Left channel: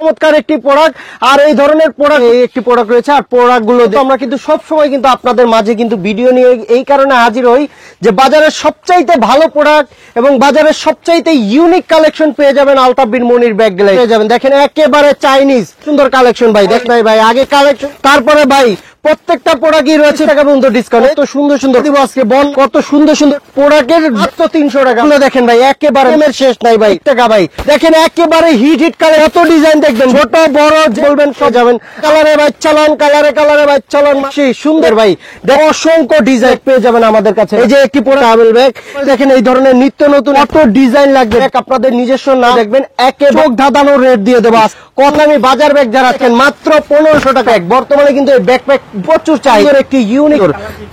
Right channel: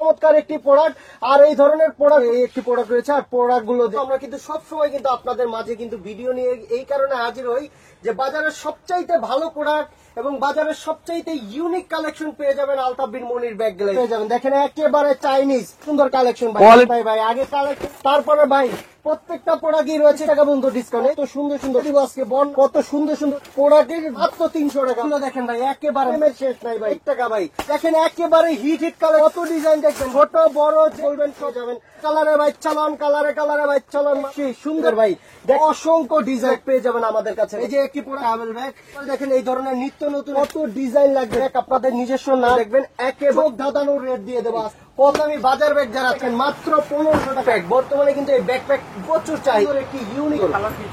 চমৎকার একটি প্রোডাক্ট। আর এই ধরনের প্রোডাক্ট একটি প্রোডাক্ট রয়েছে। আর প্রোডাক্ট গুলো আমরা কিন্তু সবসময় কিন্তু আপনাদের মাঝে কিন্তু ভিডিও নিয়ে এই কারণে হাজির হই যে বাজারের সবচাইতে ভালো প্রোডাক্ট এবং বাজারের সবচাইতে ইউনিক কালেকশন পেয়ে যাবেন আলতাফ বিন মনির ব্যাগ গ্যালারি পেয়ে যাবেন। দেখেন একেবারে চাইনিজ সুন্দর কালেকশন ভাই। ভাই আগে কালেকশন, তারপরে ভাই প্রত্যেকটা প্রোডাক্টই রয়েছে টাকা পর্যন্ত ডিসকাউন্ট। এত সুন্দর সুন্দর দিব আজকে বন, কত সুন্দর সুন্দর প্রোডাক্টের মাত্র 300 টাকা। দেখেন ভাই একেবারে শেষ নাই ভাই টাকা ভাই। দেখেন একেবারে হিট কালার, এত ডিজাইন দেখবেন, ছোট বড় বলবেন সাজাবেন। কালারে ভাই চালান, কালারে ভাই চালান, সুন্দর ভাই। দেখো অসংখ্য ডিজাইন পেয়ে যাবেন আমাদের কাছে। এই যে একটি ট্রাভেল ব্যাগ দেখেন, এই ধরনের নিত্য নতুন এত ডিজাইন লাগবে, আপনাদের নিজস্ব না দেখবেন একে চোখ ধাঁধানো রেট দিয়ে দেবো। কথা আমি বাজার ব্যাগ যারা আছেন মাত্র 1500 টাকা। বর্তমানে কিন্তু এই ব্যাকপ্যাক প্রচুর চাহিদা, একটি ইউনিক।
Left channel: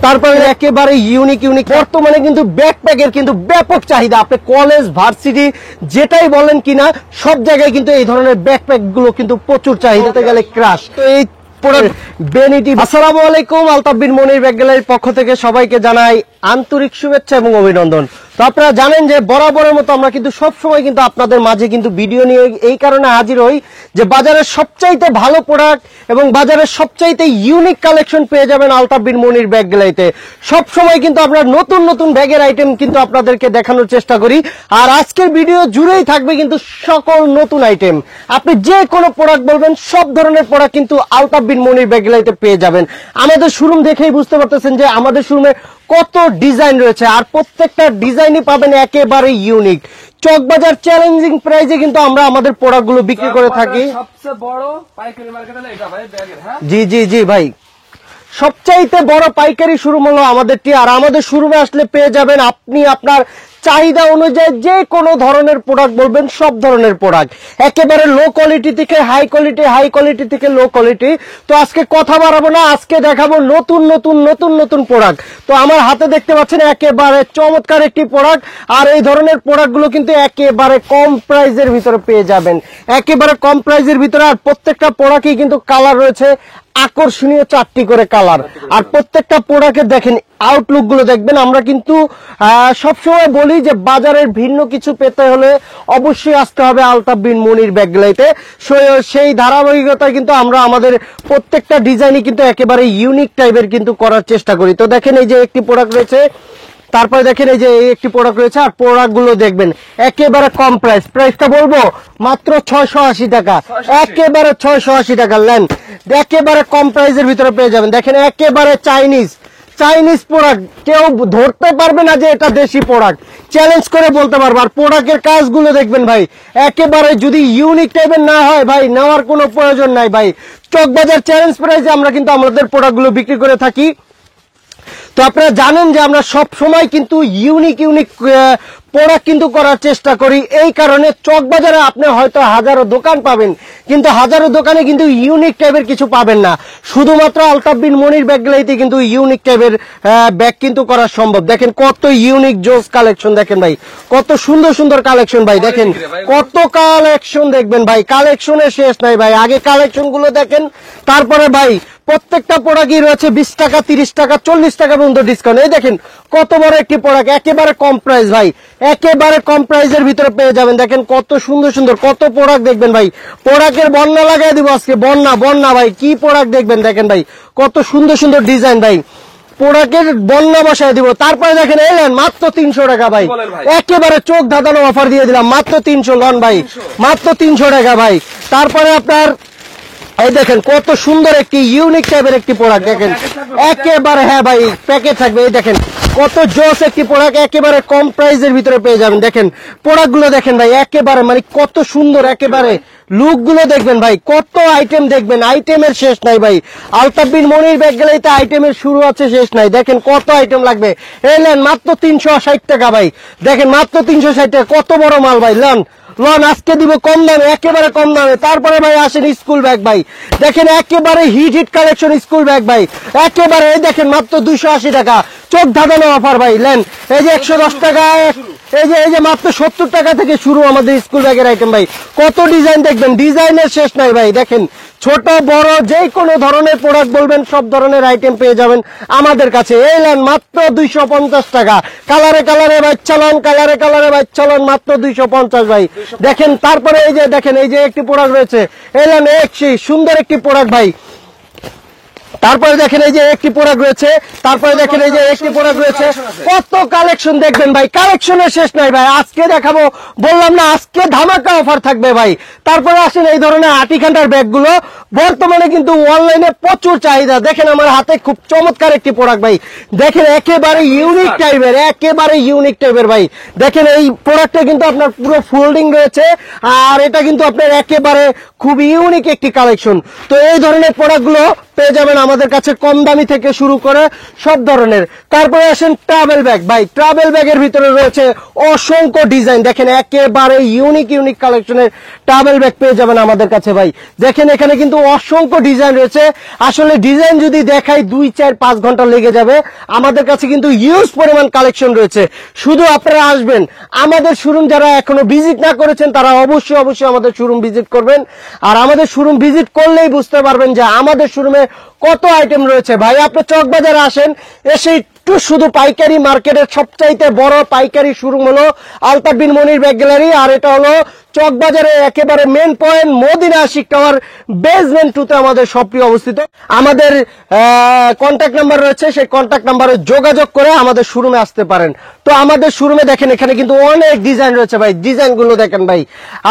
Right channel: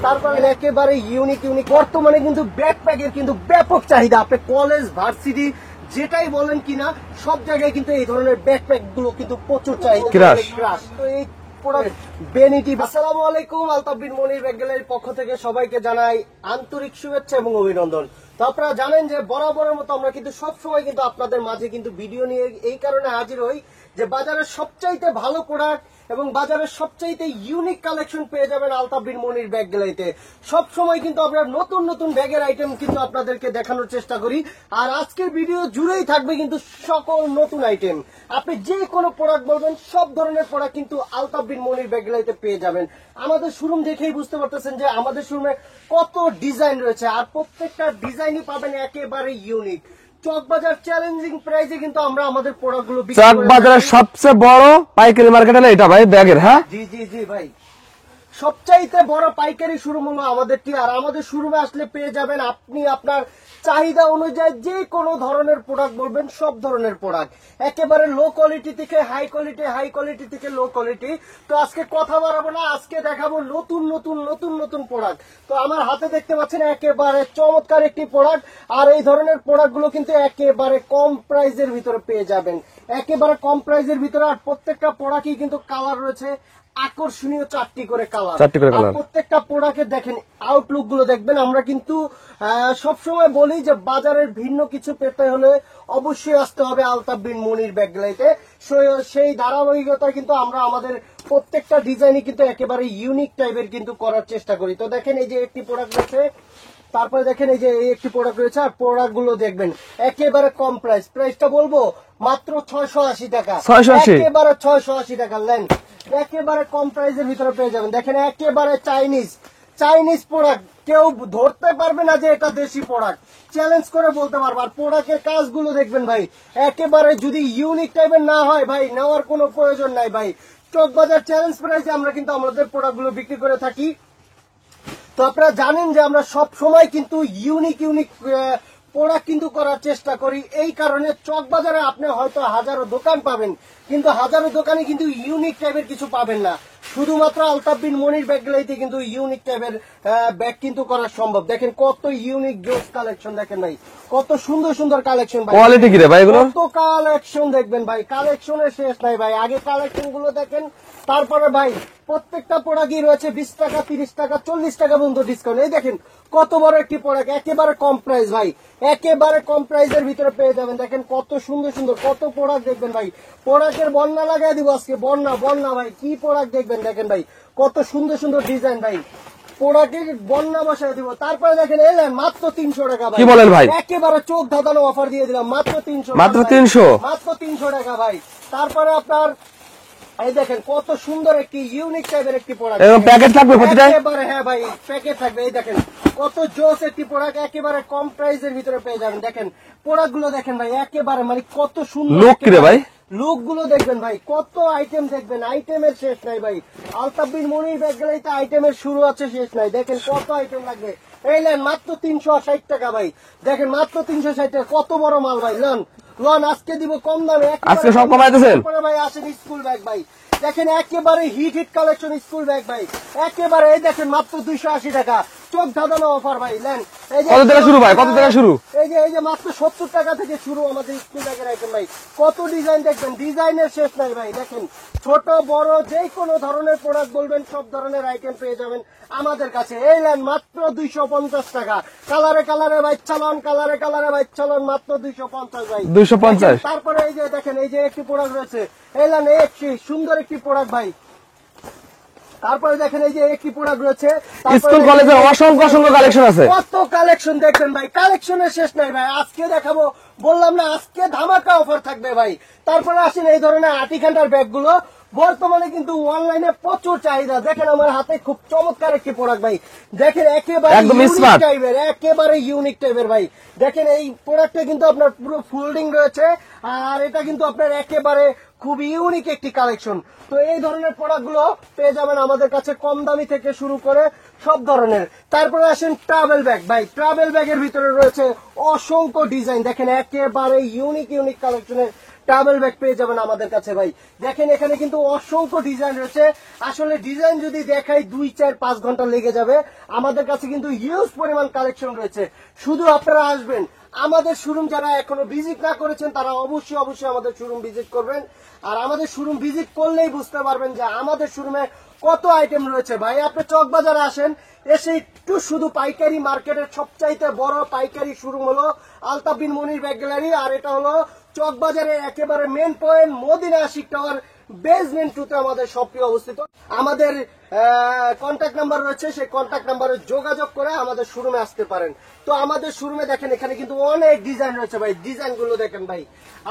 তারপরে একেবারে ইউনিক বর্তমানে কিন্তু ব্যাকপ্যাকের কিন্তু ব্যাপক চাহিদা। আপনি কলেজ ভার্সিটি যেটাই বলেন কিনা সব জায়গায় কিন্তু এই ধরনের ব্যাকপ্যাক গুলো কিন্তু প্রচুর চাহিদা। ক্রাশ তো এই আসসালামু আলাইকুম, আলতাফ বিন মনির ব্যাগ গ্যালারির পক্ষ থেকে সবাইকে জানাই আন্তরিক শুভেচ্ছা এবং অভিনন্দন। তো আপনারা জানেন যে বরাবরের মতো আমরা কিন্তু সবসময় কিন্তু আপনাদের মাঝে কিন্তু ভিডিও নিয়ে এই কারণে হাজির হই যে বাজারের সবচাইতে ভালো প্রোডাক্ট এবং বাজারের সবচাইতে ইউনিক কালেকশন পেয়ে যাবেন আলতাফ বিন মনির ব্যাগ গ্যালারিতে। সবসময় কিন্তু আমরা নতুন নতুন ব্যাগের আইটেম কিন্তু আপনাদেরকে দেখানোর চেষ্টা করি। আর আজকের ভিডিও জুড়েই থাকবে কিন্তু সকল নতুন আইটেম। আপনি যে কোনো প্রোডাক্ট বলবেন সব ধরনের প্রোডাক্ট কিন্তু আলতাফ বিন মনির ব্যাগ গ্যালারিতে পেয়ে যাবেন। আমাদের শোরুম দেখেই বুঝতে পারতেছেন যে আমাদের শোরুমে কত ডিজাইন রয়েছে, আর প্রত্যেকটা ডিজাইনই পাবেন একেবারে ইউনিক। চকবাজার চ্যালেঞ্জিং প্রাইসে কিন্তু আমরা আমাদের প্রোডাক্ট গুলো বিক্রি করে থাকি। সবচেয়ে বড় পাইকারি মার্কেট হলো এটা ভাই ব্যাগের। হ্যাঁ জি ভাই, সবচাইতে বড় পাইকারি শোরুম হলো আমাদেরটি। আর আমাদের শোরুমে আসলে পেয়ে যাবেন আপনি আপনার চাহিদা অনুযায়ী যে কোনো ধরনের প্রোডাক্ট বলবেন সব ধরনের প্রোডাক্ট, একেবারে লো কোয়ালিটি থেকে হাই কোয়ালিটি, হাই কোয়ালিটি থেকে লো কোয়ালিটি। তো আজকে কথা বাড়াবো না, আজকে দেখাবো নতুন প্রোডাক্ট। তো আমার হাতে দেখতে পাচ্ছেন একেবারে চমৎকার একটি প্রোডাক্ট। আর এই ধরনের প্রোডাক্ট গুলো কিন্তু একেবারে কম প্রাইজের ভিতরে পেয়ে যাবেন, একেবারে কম প্রাইজের ভিতরে। আর প্রত্যেকটা প্রোডাক্টই কিন্তু কালার রয়েছে আকর্ষণীয় 4টি করে কালার। আর প্রত্যেকটা প্রোডাক্টের দেখেন আউটলুক গুলো দেখবেন। আমরা কিন্তু সবসময় বলি যে বাজারের ভিন্ন কিছু পেতে হলে অবশ্যই আসতে হবে আলতাফ বিন মনির ব্যাগ গ্যালারিতে। সেই ধারাবাহিকতায় কিন্তু আমরা আমাদের প্রত্যেকটা ডিজাইনই কিন্তু একেবারে ইউনিক টাইপের কিন্তু করার চেষ্টা করি। তো দেখেন এই যে একটি প্রোডাক্ট রয়েছে, তারপরে দেখেন এই যে একটি প্রোডাক্ট রয়েছে। আর প্রোডাক্ট গুলো দেখবেন একেবারে কম প্রাইসটা বলবো মাত্র 680 টাকা। একেবারে 680 টাকা লেন, একেবারে কম প্রাইসের ভিতরে পেয়ে যাবেন। দেখেন একেবারে চাইনিজ প্রোডাক্ট, কেউ ধরতে পারবে না যে এটা দেশি প্রোডাক্ট, চ্যালেঞ্জ করে বলতে পারবো। আর প্রোডাক্টের কাজগুলো দেখবেন ভাই, একেবারে যদি ইউনিক টাইপের না হয় ভাই নেওয়ার কোনো প্রয়োজন নাই ভাই। চকবাজার চ্যালেঞ্জ প্রাইসে আমরা কিন্তু আমাদের প্রোডাক্টগুলো বিক্রি করে থাকি। তো আপনারা জানেন যে আমরা সব সময় কিন্তু ইউনিক প্রোডাক্ট কিন্তু করার চেষ্টা করি। এই কারণে চকবাজারে আপনি হয়তো হাজারো দোকান পাবেন, কিন্তু হাজারো দোকানে কিন্তু ইউনিক টাইপের কিছু পাবেন না। শুধুমাত্র আলতাফ বিন মনির ব্যাগ গ্যালারিতে কিন্তু ইউনিক টাইপের ব্যাগ কিন্তু করা সম্ভব। দেখেন কত ইউনিক জোস কালেকশন, দেখেন ভাই কত সুন্দর কালেকশন ভাই। কত কালেকশন দেখবেন ভাই, কালেকশনের শেষ নাই ভাই। আগে কালেকশন গুলো দেখেন, তারপরে ভাই প্রত্যেকটা প্রোডাক্টই রয়েছে 20 টাকা, 30 টাকা, 40 টাকা পর্যন্ত ডিসকাউন্ট। এই দেখেন কত বড় একটি প্রোডাক্ট, একেবারে কম প্রাইস ভাই, একেবারে কম প্রাইসের ভিতরে পেয়ে যাবেন। দেখেন কত সুন্দর কত প্রোডাক্ট দেখবেন ভাই। প্রোডাক্টের বন্যা লাগাই দিব আজকে, বন্যা ভাই। কি প্রোডাক্ট দেখবেন দেখেন ভাই, কত সুন্দর ডিজাইন ভাই, প্রোডাক্টের বন্যা বসায় দিব। তারপরে দেখেন এলেন মাত্র 300 টাকা ভাই, বলেন ভাই একেবারে চোখ ধাঁধানো অফার দিয়ে দিলাম মাত্র 300 ভাই, মাত্র 300 টাকা ভাই। তারপরে আপনার এই দেখেন কত সুন্দর একটি ইউনিক টাইপের একটি প্রোডাক্ট, একেবারে হ্যাঁ ভাই প্যাকেট থাকবে। এই দেখেন কত জস একটি প্রোডাক্ট, একেবারে কম প্রাইসের ভিতরে পেয়ে যাবেন। দেখেন প্রোডাক্ট গুলো দেখেন ভাই, একেবারে মানে কত সুন্দর, একেবারে লুক গুলো দেখবেন ভাই, কত আইটেম দেখবেন, আইটেমের শেষ নাই ভাই। আলতাফ বিন মনির ব্যাগ গ্যালারিতে আইটেমের শুরু আছে শেষ নাই। দেখেন কত আইটেম লাগবে, এলেন মাত্র 360 টাকা ভাই। দেখেন মাত্র 360 টাকা, কত বড় মাল ভাই। লন আজকে দিব কম দামে, একেবারে কম দামে। তারপরে ভাই আসেন স্কুল ব্যাগ ভাই, দেখেন একেবারে হিট কালেকশন স্কুল ব্যাগ ভাই, একেবারে এই দেখেন মাত্র 280 টাকা, চোখ ধাঁধানো অফার ভাই। লেন এই যে 110 টাকা, এই যে মাত্র 70 টাকা থেকে শুরু আমাদের স্কুল ব্যাগের আইটেম ভাই। কত ডিজাইন দেখবেন, ডিজাইনের শেষ নাই ভাই। দেখেন ছোট বড় যে কোনো ধরনের প্রোডাক্ট বলবেন সব ধরনের আইটেম পেয়ে যাবেন আমাদের কাছে। এই লেন মাত্র 250 টাকা, কালারে ভাই চালান, কালারে ভাই চালান মাত্র 250 ভাই। 250 দেখেন তারপরে এই যে একটি প্রোডাক্ট রয়েছে এলএম এক্সি, সুন্দর একটি প্রোডাক্ট ভাই। তারপরে দেখেন এই যে একটি প্রোডাক্ট রয়েছে, তারপরে School দেখেন এই যে college-এ একটি অসংখ্য product রয়েছে। collection আছে। কত কালেকশন দেখবেন ভাই, কালেকশনের শেষ নাই ভাই। আজকে দেখাবো, বললাম না আজকে ধামাকা অফার থাকবে ভাই। তারপরে আসেন এই ধরনের আটিকান্ডার ব্যাগ গুলো, বর্তমানে কিন্তু অনলাইনে প্রচুর চাহিদা। দেখেন আমার হাতে খুব চমৎকার একটি প্রোডাক্ট ভাই, দেখেন একেবারে একদম ইউনিক smart। টাইপের, একেবারে ইউনিক টাইপের ভাই। দেখেন এই প্রোডাক্টটা কিন্তু আপনার পুরো ফোল্ডিং রয়েছে, আর এটা কিন্তু আপনার একেবারে খুব ইউনিক একটি কালেকশন। তো এই ধরনের প্রোডাক্ট গুলো পেয়ে যাবেন আমাদের কাছে কম দামি থেকে শুরু করে সব ধরনের। তারপরে আসেন ট্রাভেল ব্যাগ ভাই, ট্রাভেল ব্যাগের ভিতরে রয়েছে অসংখ্য ডিজাইন। দেখেন একেবারে ইউনিক কালেকশনের ট্রাভেল ব্যাগ পেয়ে যাবেন আমাদের কাছে ভাই। দেখেন এখানে কিন্তু অসংখ্য ডিজাইন রয়েছে। আসলে ডিজাইন যদি দেখাই 2-4-5 ঘন্টা লেগে যাবে। আমাদের কাছে কিন্তু হিউজ পরিমাণ কালেকশন রয়েছে। শুধু আপনারা আসবেন, আমাদের শোরুম যারা এখনো ভিজিট না করেছেন তারা অবশ্যই আমাদের শোরুম ভিজিট করবেন। আর আমাদের শোরুম ভিজিট করলেই বুঝতে পারবেন যে আমাদের শোরুমে কত আইটেম রয়েছে ভাই। আপনি চকবাজারে আসেন, এসে একটু শুধু পাইকারি মার্কেটের সবচাইতে বড় পাইকারি শোরুম হলো আলতাফ বিন মনির ব্যাগ গ্যালারি, আর এটা হলো চকবাজারে একেবারে main point Madina Ashiq tower basement 2 তে আমাদের শপটি অবস্থিত। আমাদের কন্ট্যাক্ট নাম্বার রয়েছে, সেই কন্ট্যাক্ট নাম্বারে যোগাযোগ করে আমাদের শোরুমে আসতে পারেন। তো আমাদের শোরুমে দেখেন এখানে কিন্তু অনেক ডিজাইন রয়েছে ভাই, ডিজাইন গুলো দেখেন ভাই।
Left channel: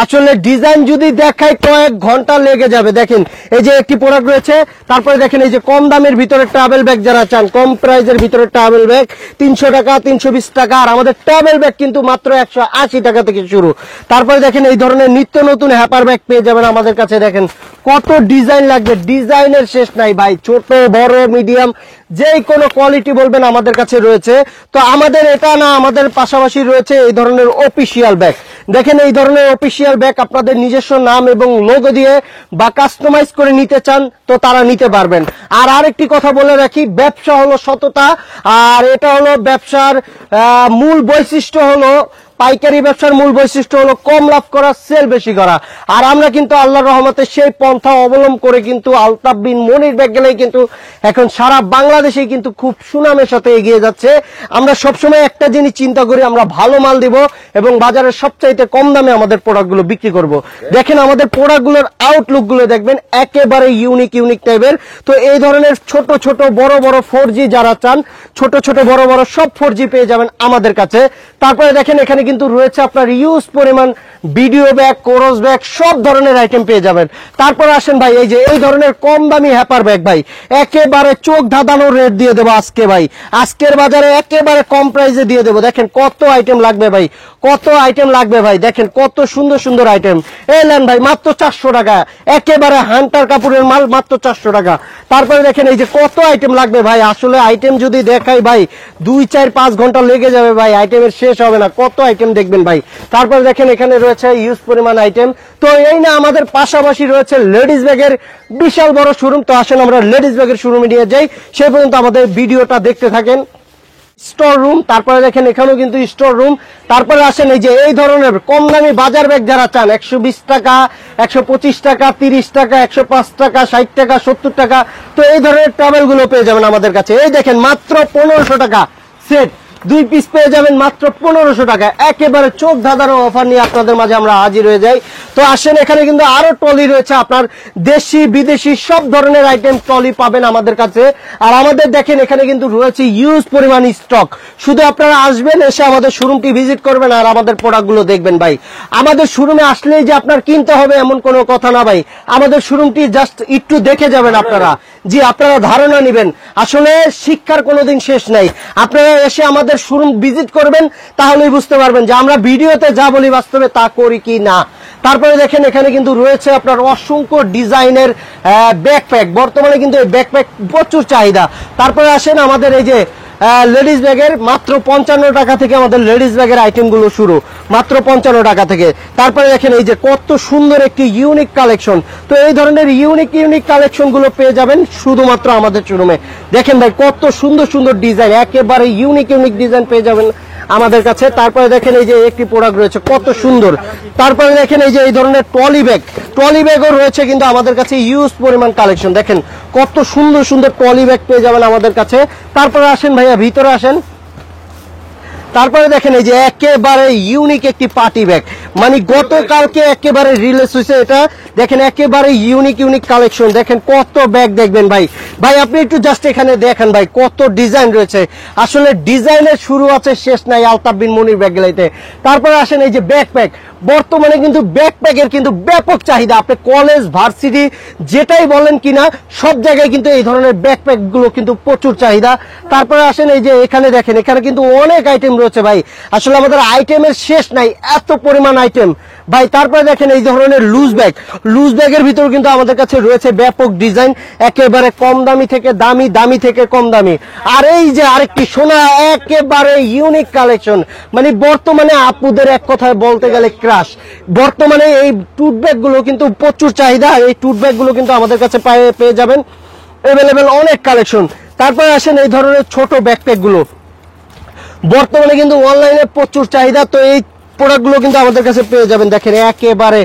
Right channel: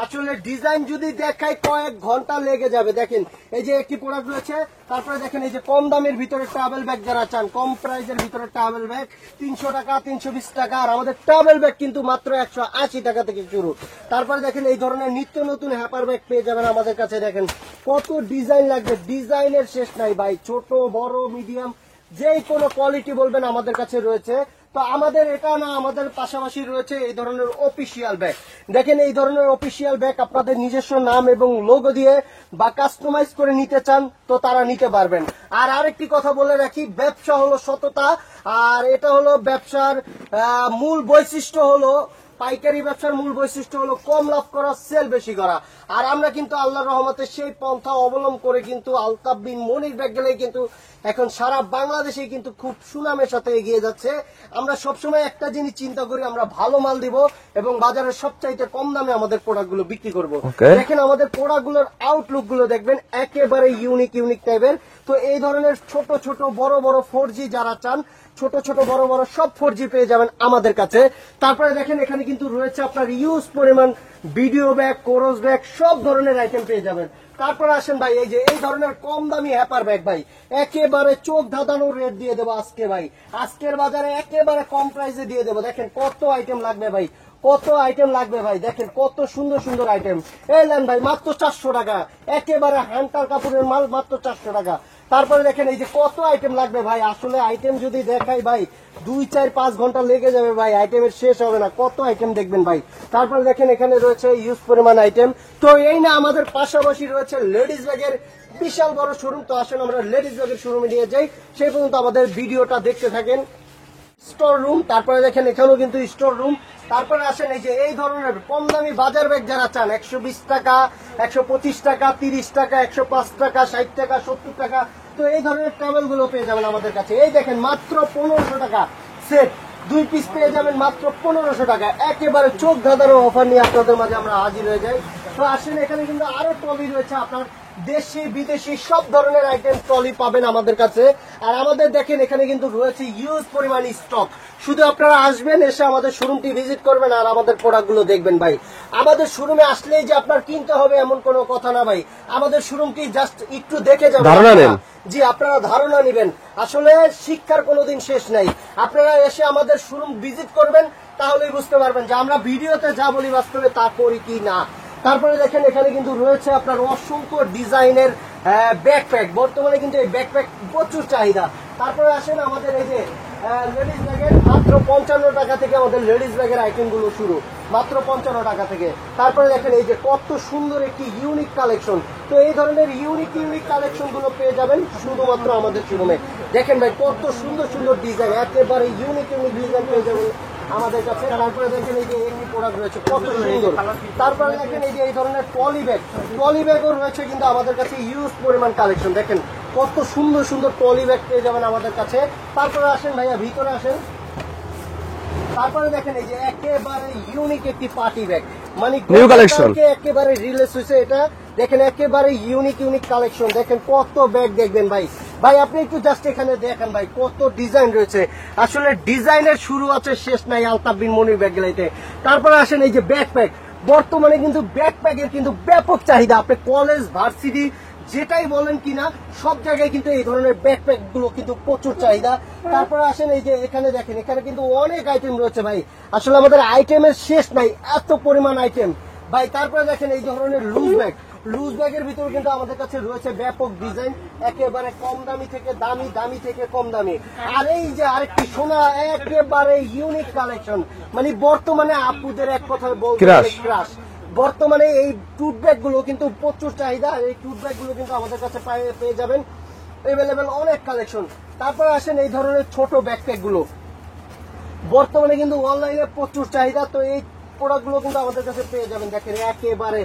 আসলে ডিজাইন যদি দেখাই কয়েক ঘন্টা লেগে যাবে। দেখেন এই যে একটি প্রোডাক্ট রয়েছে, তারপরে দেখেন এই যে কম দামের ভিতরে ট্রাভেল ব্যাগ যারা চান, কম প্রাইজের ভিতরে ট্রাভেল ব্যাগ 300 টাকা 320 টাকা, আর আমাদের ট্রাভেল ব্যাগ কিন্তু মাত্র 180 টাকা থেকে শুরু। তারপরে দেখেন এই ধরনের নিত্য নতুন হ্যাপার ব্যাগ পেয়ে যাবেন আমাদের কাছে। দেখেন কত ডিজাইন লাগবে, ডিজাইনের শেষ নাই ভাই, ছোট বড় মিডিয়াম যে কোনো কোয়ালিটি বলবেন আমাদের কাছে রয়েছে। তো আমাদের এটা না, আমাদের পাশাপাশি রয়েছে এই ধরনের অফিসিয়াল ব্যাগ। দেখেন এই ধরনের অফিসিয়াল ব্যাগ আপনাদের নিজস্ব নাম এবং লোগো দিয়ে বা কাস্টমাইজ করে নিতে চান তো তারা নিতে পারবেন। আর আরেকটি কথা বলে রাখি, ব্যবসা হলো সততা, আর এটা হলো ব্যবসার মূল বৈশিষ্ট্য হলো, পাইকারি ব্যবসার মূল বৈশিষ্ট্য হলো কম লাভ করা, সেল বেশি করা। আর আমরা কিন্তু আল্লাহর রহমতে সেই পন্থা অবলম্বন করে কিন্তু আলতাফ বিন মনির ব্যাগ গ্যালারি কিন্তু এখন সারা বাংলাদেশে কিন্তু খুব সুনামের সাথে এগিয়ে যাচ্ছে। আমরা সবসময় একটা জিনিস চিন্তা করি, আমরা ভালো মাল দিব এবং বাজারের সবচাইতে কম দামে আমাদের প্রোডাক্ট গুলো বিক্রি করব। দেখেন আমাদের প্রোডাক্ট গুলোর আউটলুক গুলো দেখবেন একেবারে ইউনিক টাইপের। তো এই ধরনের ছোট বড় 4G যারা চান, ছোট বড় সব 4G পেয়ে যাবেন আমাদের কাছে। তারপরে দেখেন এখানে কিন্তু রয়েছে আপনার ইউজ পরিমাণ ভিডিও ব্যাগ, কোরস ব্যাগ, সব ধরনের আইটেম পেয়ে যাবেন। তারপরে আসেন ভাই এই যে এই ধরনের কম দামি হ্যাপার ব্যাগ ভাই, একেবারে চোখ ধাঁধানো রেট দিয়ে দেবো আজকে ভাই। আজকের বাজারে একেবারে কম প্রাইসে দিয়ে দেবো। দেখেন কত আইটেম লাগবে ভাই, কত আইটেম লাগবে ভাই। দেখেন কত সুন্দর আইটেম। এলেন ভাই মাত্র 400 টাকা, একেবারে হান্টার কাপড়ের মাল মাত্র 400 টাকা। তারপরে দেখেন এই যে কত আইটেম লাগবে ভাই। আসলে আইটেম যদি দেখাই ভাই 2-4-5 ঘন্টা লেগে যাবে ভাই, আইটেমের শেষ হবে না, কত আইটেম দেখবেন ভাই। তারপরে দেখেন এখানে রয়েছে ইউজ পরিমাণ আইটেম। তো এই না, আমাদের পাশাপাশি রয়েছে লেডিস ব্যাগের বিশাল বড় শোরুম। তো আসেন আমরা লেডিস ব্যাগের শোরুমে নিয়ে যাই, সেই পর্যন্ত আমাদের ভিডিওটা দেখতে থাকেন। স্টোর রুম, তারপরে দেখেন এখানেও কিন্তু স্টোর রুম। তারপরে আসেন এই যে এই ধরনের কম দামি বাজার ব্যাগ যারা চান, 120 টাকা 125 টাকা 30 টাকা 105 টাকা 60 টাকা 70 টাকা, তো এই ধরনের ট্রাভেল গুলো পেয়ে যাবেন আমাদের কাছে। এই দেখেন মাত্র 1500 টাকা সেট, 2 পিস পেয়ে যাবেন মাত্র 1500 টাকা। একেবারে চোখ ধাঁধারো অফার নিয়ে আপনাদের মাঝে আমরা হাজির হয়ে যাই। তো আসেন এখানে কিন্তু আরো ট্রলি রয়েছে, আপনার দেশি বিদেশি সব ধরনের আইটেম ট্রলি পাবেন আমাদের কাছে। আর আমাদের দেখেন এখানে কিন্তু রয়েছে ইউজ পরিমাণ স্টক। শুধু আপনারা আসবেন, এসে আমাদের শোরুমটি ভিজিট করবেন আর আমাদের প্রোডাক্ট গুলো দেখবেন ভাই। আমাদের শোরুমে আসলেই যে আপনার কিনতে হবে এমন কোনো কথা না ভাই, আমাদের শোরুমটি জাস্ট একটু দেখে যাবেন আপনারা, জি আপনারা ধারণা নেবেন। আসলে শিক্ষার কোনোদিন শেষ নাই, আপনারা এসে আমাদের শোরুম ভিজিট করবেন তাহলেই বুঝতে পারবেন যে আমরা ভিডিওতে যা বলি বাস্তবে তা করি কি না। তারপরে দেখেন এখানে কিন্তু রয়েছে আপনার অসংখ্য ডিজাইনের ব্যাকপ্যাক, বর্তমানে কিন্তু এই ব্যাকপ্যাক প্রচুর চাহিদা। তারপরে আসেন আমাদের এই যে লেডিস ব্যাগের মাত্র 55 টাকা থেকে আমাদের লেডিস ব্যাগের আইটেম গুলো শুরু, মাত্র 55 টাকা থেকে। তারপরে দেখেন এই যে কত সুন্দর একটি ইউনিক কালেকশন। তো এই ধরনের ইউনিক কালেকশন গুলো পেয়ে যাবেন শুধুমাত্র আমাদের শোরুমে। দেখেন ভাই কত সুন্দর ডিজাইন, একেবারে ইউনিক ডিজাইন পেয়ে যাবেন আমাদের কাছে। তারপরে দেখেন এই যে একটি প্রোডাক্ট রয়েছে কত সুন্দর। তারপরে দেখেন এই যে এই ধরনের ট্রলি ব্যাগও রয়েছে কিন্তু আমাদের কাছে ইউজ পরিমাণ কালেকশন। দেখেন কত সুন্দর ট্রলি ব্যাগ পেয়ে যাবেন আমাদের কাছে। তারপরে আসেন ভাইয়া ভিতরে আসেন। তারপরে দেখেন এই যে একেবারে ইউনিক একটি পার্টি ব্যাগ, মানে গতকালকে একেবারে রিলিজ হয়েছে এটা। দেখেন একেবারে ইউনিক কালেকশন, দেখেন কত ব্যাগ দেখবেন ভাই। ভাই আপনি একটু জাস্ট এখানে দেখেন ভাই কত ডিজাইন রয়েছে, আসলে ডিজাইনের শুরু আছে শেষ নাই আলতাফ বিন মনির ব্যাগ গ্যালারিতে। তারপরে আসেন এই যে ব্যাকপ্যাক, বর্তমানে কিন্তু ব্যাকপ্যাকের কিন্তু ব্যাপক চাহিদা, আপনি কলেজ ভার্সিটি যেটাই বলেন কিনা সব জায়গায় কিন্তু এই ধরনের ব্যাকপ্যাক গুলো কিন্তু প্রচুর চাহিদা। তারপরে আসেন এই যে এখানে দেখেন, এখানে কিন্তু অনেক আইটেম রয়েছে ভাই, আসলে আমাদের আইটেমের শেষ নাই, এত পরিমাণ আইটেম ভাই। তারপরে দেখেন এই ধরনের লুজ ব্যাগের ভিতর কিন্তু আমাদের কাছে রয়েছে ব্যাপক ডিজাইন, একেবারে কম দামি থেকে দামি, দামি থেকে কম দামি। আর এই যে আরেকটি সোনা একেবারে ইউনিক কালেকশন, মানে বর্তমানে আপুদের এক কথায় বলতে গেলে ক্রাশ। বর্তমানে এই টুথ ব্যাগ গুলো কিন্তু প্রচুর চাহিদা, এই টুথ ব্যাগ গুলো কিন্তু আমাদের কাছে পেয়ে যাবেন এভেলেবেল অনেক কালেকশন। তারপরে আসেন এই ধরনের ছোট ব্যাকপ্যাক গুলো, বর্তমানে কিন্তু অনলাইনে প্রচুর চাহিদা, তো এই প্রোডাক্টগুলো কিন্তু আমাদের কাছে পেয়ে যাবেন। দেখেন একেবারে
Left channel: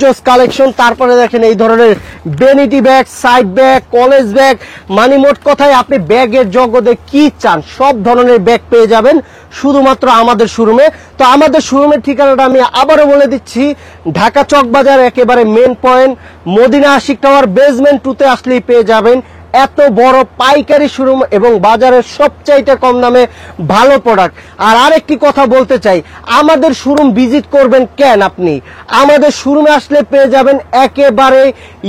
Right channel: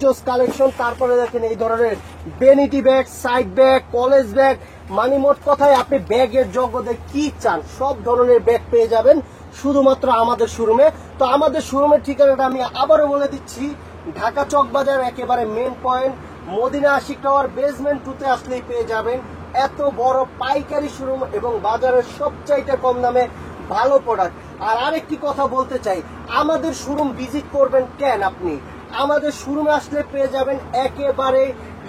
জোস কালেকশন। তারপরে দেখেন এই ধরনের vanity bag, side bag, college bag, মানে মোট কথায় আপনি ব্যাগের জগতে কি চান সব ধরনের ব্যাগ পেয়ে যাবেন শুধুমাত্র আমাদের শোরুমে। তো আমাদের শোরুমের ঠিকানাটা আমি আবারও বলে দিচ্ছি, ঢাকা চকবাজার একেবারে main point, Madina Ashiq tower basement 2-তে আসলেই পেয়ে যাবেন এত বড় পাইকারি শোরুম এবং বাজারের সবচাইতে কম দামে ভালো প্রোডাক্ট। আর আরেকটি কথা বলতে চাই, আমাদের শোরুম ভিজিট করবেন কেন, আপনি আমাদের শোরুমে আসলে পেয়ে যাবেন একেবারে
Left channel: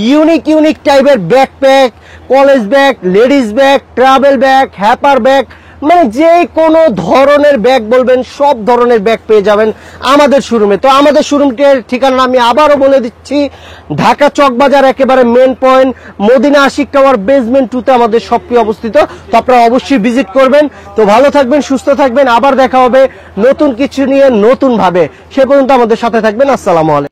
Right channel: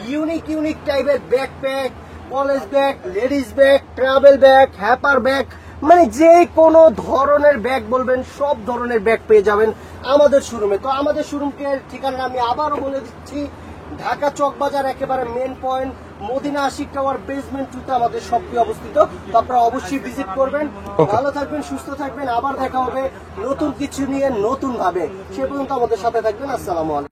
ইউনিক টাইপের backpack, college bag, ladies bag, travel bag, হ্যাপার ব্যাগ, মানে যে কোনো ধরনের ব্যাগ বলবেন সব ধরনের ব্যাগ পেয়ে যাবেন আমাদের শোরুমে। তো আমাদের শোরুমটির ঠিকানা আমি আবারও বলে দিচ্ছি, ঢাকা চকবাজার একেবারে main point, Madina Ashiq tower basement 2-তে আমাদের শপটি অবস্থিত। তো আপনারা অবশ্যই ভিজিট করবেন। তো ভালো থাকবেন, সুস্থ থাকবেন, আবার দেখা হবে নতুন কিছু নিয়ে নতুন ভাবে। সে পর্যন্ত আমাদের সাথে থাকবেন। আসসালামু আলাইকুম।